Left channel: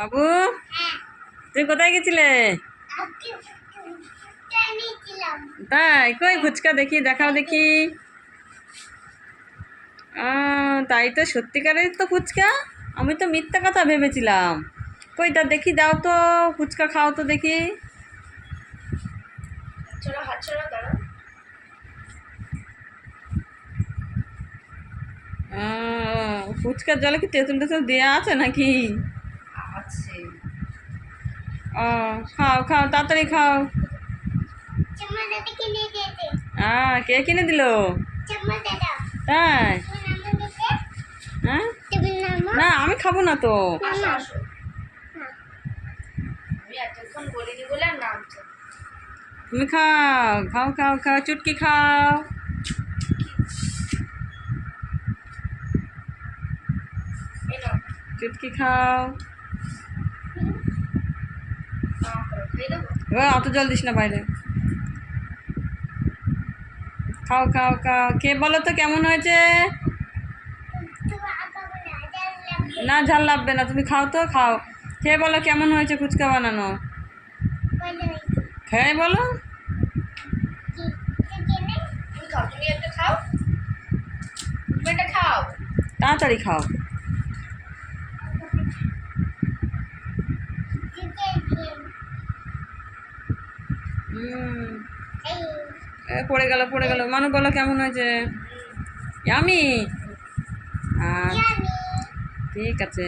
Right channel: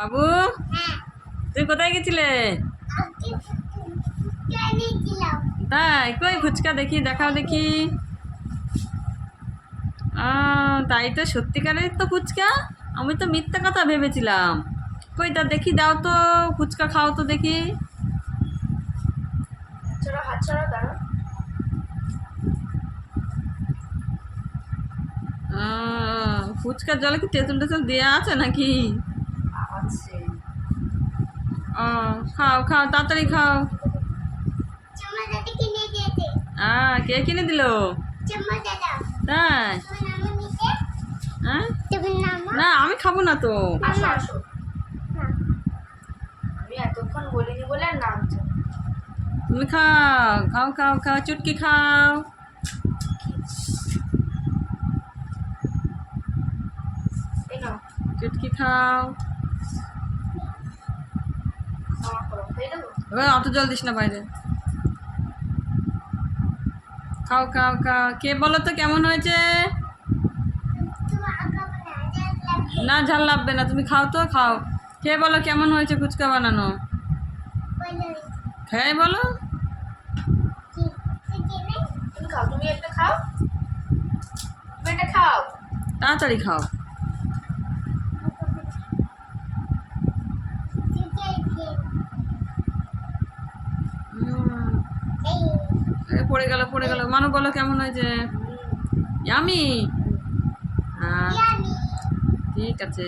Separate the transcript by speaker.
Speaker 1: বাবু
Speaker 2: হ্যাঁ।
Speaker 1: তুই কোথায় গেছিলে? তাই? কই ফুচকা দেখি দেখাও দেখি। তাই তো সত্যিকারের তো ফুচকা? আমি তো মিথ্যা কথা ভেবেছিলাম। কই তা দেখি দাও তো ফুচকা খাও তো দেখি। ফুচকার জলে কি তেঁতুল টেতুল দেওয়া আছে নাকি?
Speaker 3: আছে।
Speaker 1: ও খাও খাও তাড়াতাড়ি খাও।
Speaker 2: চম্মা দাদা কিনে দিয়েছে
Speaker 1: আহ কে কিনে দিল? তাই?
Speaker 2: তোমার নাম নিতে
Speaker 1: হ্যাঁ? না আমি খাব না তো।
Speaker 3: নামছে না।
Speaker 1: তুমি খাও খাও খাও খাও চুটকি খাও। চুটকি খাও। অত জল দিস না বাইরে। খাও খাও খাও। কে বলো তো কেমন হয়েছে?
Speaker 2: না
Speaker 1: ঝাল লাগবে না। তুমি খাও তো খাও। খেয়ে বলো কেমন হয়েছে ফুচকা বানানো?
Speaker 2: বলো।
Speaker 1: খেয়ে বলো
Speaker 3: একটা খাও।
Speaker 1: তাড়াতাড়ি খাও। পড়ে গেল পড়ে গেল। মানু বলো কেমন হয়েছে? আমি ঠিক আছে।